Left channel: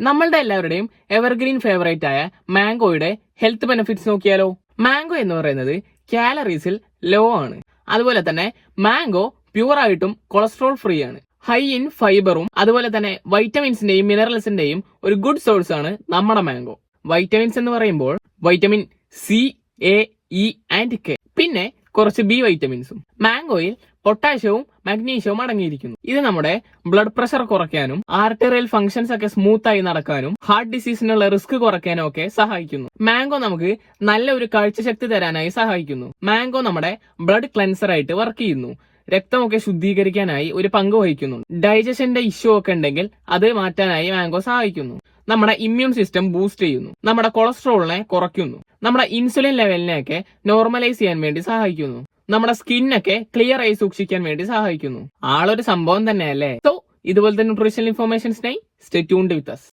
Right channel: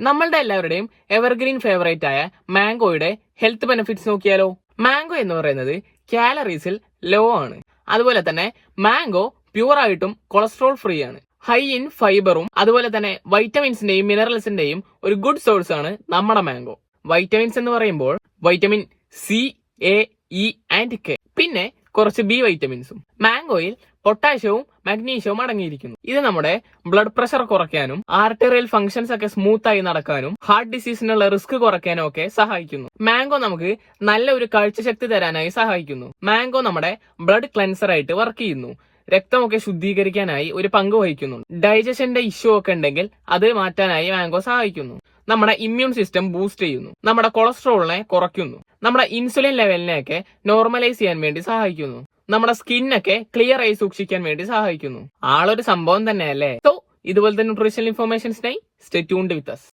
നമ്മളുടെ എല്ലാവരുടെയും evergreen favourite ആയ മാംഗോയുടെ ഹെൽത്ത് ബെനിഫിറ്റ്സ് നോക്കിയാലോ. മാംഗോ എന്ന് പറയുന്നത് കാലറീസിൽ ലോ ആണ്. അതുപോലെ തന്നെ മാംഗോ പ്യൂർ ആയിട്ടും കൊളസ്ട്രോൾ ഫ്രീ ആണ്. ഹൈ ഇൻ ഫൈബറും അതുപോലെ തന്നെ വൈറ്റമിൻസിന്റെയും മിനറൽസിന്റെയും ഒരു ഗുഡ് സോഴ്സ് ആണ് നമ്മുടെ മാംഗോ. വൈറ്റമിൻസ് എന്ന് പറയുമ്പോൾ vitamin C, A, E and K, പിന്നെ കുറച്ച് ബി വൈറ്റമിൻസും. മാംഗോയിൽ പൊട്ടാഷ്യവും മഗ്നീഷ്യവും അടങ്ങിയിരിക്കുന്നു. ഇത് നമ്മുടെ ബ്ലഡ് പ്രഷർ കുറയ്ക്കാനും ആർട്ടറിയൽ ഫംഗ്ഷൻസ് ഒക്കെ സ്മൂത്ത് ആയി നടക്കാനും ഹാർട്ട് ഡിസീസിനുള്ള റിസ്ക് കുറയ്ക്കാനും ഒക്കെ സഹായിക്കുന്നു. മാംഗോ നമുക്ക് നല്ല ഒരു കാഴ്ചശക്തി തരാനായി സഹായിക്കുന്നു. മാംഗോ നമ്മുടെ ബ്ലഡ് ക്ലെൻസർ ആയിട്ട് വർക്ക് ചെയ്യുന്നു. രക്തമൊക്കെ ശുദ്ധീകരിക്കാനായി ഒരു പങ്ക് വഹിക്കുന്നുണ്ട്. ഡൈജഷന്റെ ഇഷ്യൂ ഒക്കെ ഉണ്ടെങ്കിൽ അത് മാറ്റാനായി മാംഗോ സഹായിക്കുന്നു. നമ്മുടെ ഇമ്മ്യൂൺ സിസ്റ്റം ബൂസ്റ്റ് ചെയ്യുന്നു. നമ്മുടെ കൊളസ്ട്രോളിനെ കുറയ്ക്കുന്നു. നമ്മുടെ ഇൻസുലിൻ ലെവലിനെയൊക്കെ നോർമലൈസ് ചെയ്യാൻ വേണ്ടി സഹായിക്കുന്നു. നമ്മുടെ സ്കിന്നൊക്കെ ക്ലിയർ ആയി സൂക്ഷിക്കാൻ വേണ്ടി സഹായിക്കുന്നു. ആളൊരു സംഭവം തന്നെയല്ലേ. സോ ഇതുപോലത്തെ ന്യൂട്രീഷണൽ ഇൻഫോർമേഷൻസിനായി സ്റ്റേ ട്യൂൺഡ് വിത്ത് us.